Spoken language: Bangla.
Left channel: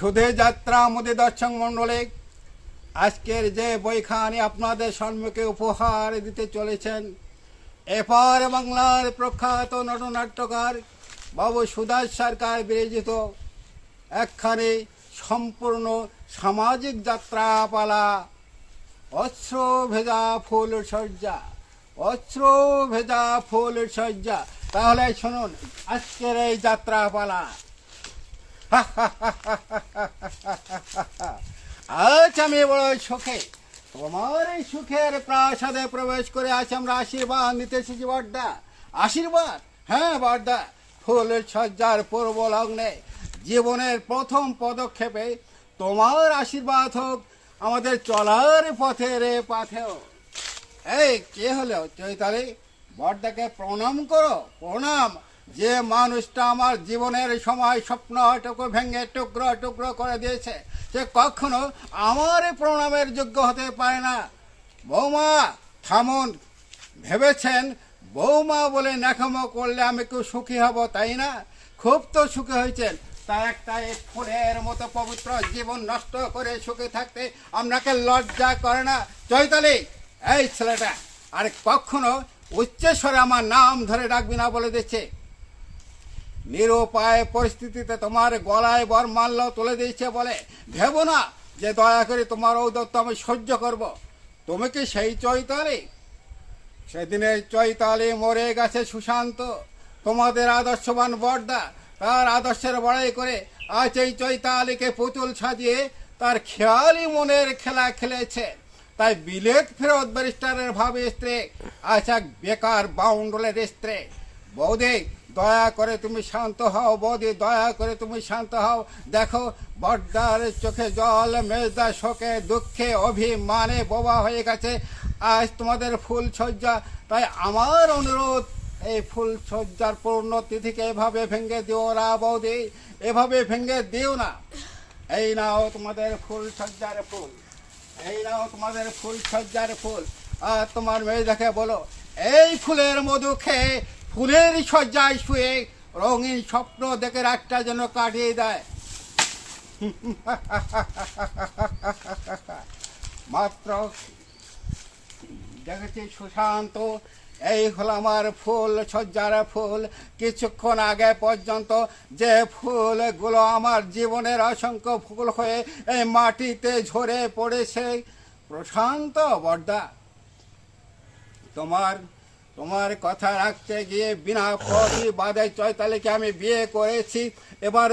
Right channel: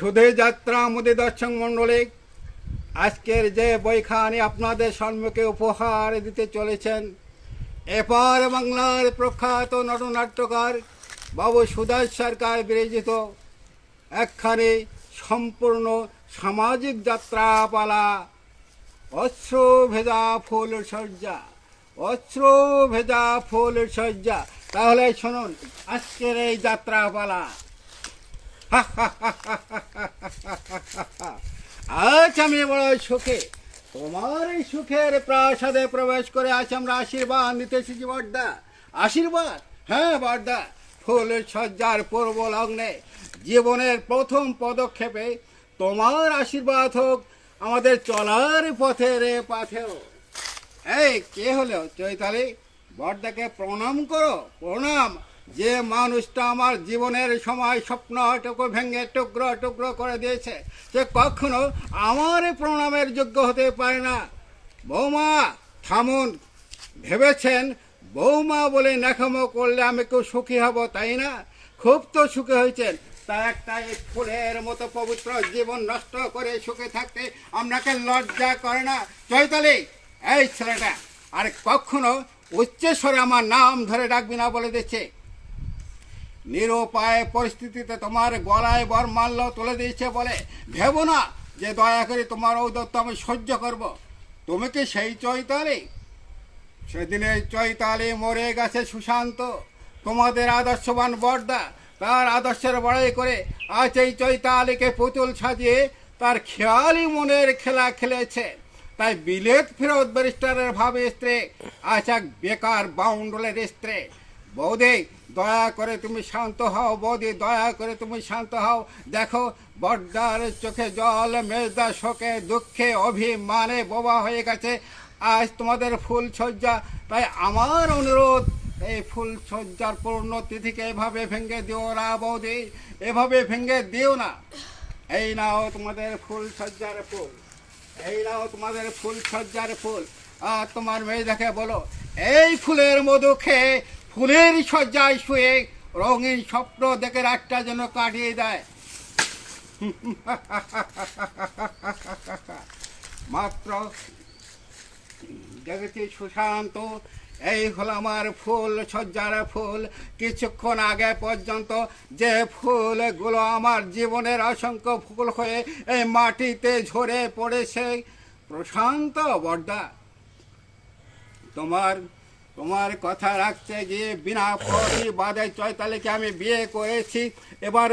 সুধে যাত্রা আমাদের দর্শক মণ্ডলী, আজকের যে বইখানি আপনাদের সম্মুখে উপহার দিতে চলেছেন এপার বাংলার প্রখ্যাত নটনাট্যকার বাবু সুদাস সরকার বিরচিত একখানি সম্পূর্ণ সামাজিক যাত্রাপালা, অশ্র ভেজা ফুল সজ্জা, অশ্র ভেজা ফুল সজ্জা। তাহলে শুনুন আজকের এই যাত্রাপালা। আজ আমি বড় সুখে তোমার এই সুখের প্রাসাদে প্রবেশ করে আজ আমরা আশীর্বাদ নিতে এসেছি বড়দা। আশীর্বাদ? হ্যাঁ বড়দা, ফুল সজ্জার পূর্ব লগ্নে জীবনের প্রথম পদক্ষেপে তোমার আশীর্বাদ হোক আমাদের চলার পথের পাথেও। এই কে হলো চৈতালি? বড়দাকে প্রণাম করো, প্রণাম। যে মানুষটা আমার জীবনের সময় স্বপ্নটুকু ভেঙে টুকরো টুকরো করে দিয়েছে, সে কখনো আমার প্রণামের যোগ্য হতে পারে না। বৌমা থামুন, ভেবেছেন বৌমা বলে নেখামো করলে আমি কেউ সুখী হব তাই না? খুব তো সুখী হয়েছেন, তা একটা এক ফুলের মতো পবিত্র জীবন নষ্ট করে সুখে থাকতে আপনাকে লজ্জা করে না? চৈতালি, এই ছেলেটা আর কখনো উচ্চস্বরে আমার নাম ধরে ডাকবি না বলে দিচ্ছে। নিরুপায় পরিস্থিতিতে তোমার গলায় বরমাল্য তুলে দিয়েছে বলে ভেবো না যে দয়া করে তোমার ঔদত্ত আমি সহ্য করব। তুমি কি সেই চৈতালি? সেদিনের চৈতালি মরে গেছে সুশান্ত, তোমাদের আদর্শবান বড়দা তার আদর্শের বড়াই করে আজ এই চৈতালিকে পুতুল সাজিয়ে তার খেয়ালি মনের খেলা খেলেছে। তাই বিলেত ফেরত ব্যারিস্টারের ভাবে স্ত্রী আজ এক বেকার বাউন্ডলের স্ত্রী। বৌদি দয়া করে তুমি শান্ত হও, বৌদি দয়া করে তুমি শান্ত হও। দেখো বড়দার চোখে জল, মেজদা শোকে দুঃখে অভিমানে বোবা হয়ে গেছে আজ তোমাদের ফুল সজ্জা। তাই আমার অনুরোধ, এই ফুল সজ্জার পূর্ণ তিথিকে এভাবে ভেঙে দিও না বৌদি, এভাবে ভেঙে দিও না। এই নাও তোমাদের ফুল সজ্জার ফুল, এই নাও তোমাদের ফুল সজ্জার ফুল। আর তোমার মেয়েটাকে বলো এই ফুলের মধু খেয়ে ফুলের সজ্জায় শুয়ে রঙিন স্বপ্ন দেখে রাতটা যেন কাটিয়ে দেয়। মাত্র দেখেছি সুশান্ত, এই হলো আমার ফুল সজ্জার ফুল। কিছুক্ষণ আগে পর্যন্ত যে ফুলগুলো আমার জীবনের অসংখ্য ফুল হয়ে এই মাটিতে ঝরে পড়েছে। প্রশান্ত বড়দা, তোমার কথা রাখতে গিয়ে বিনা প্রতিবাদে চৈতালিকে আমি বিয়ে করেছি। এবার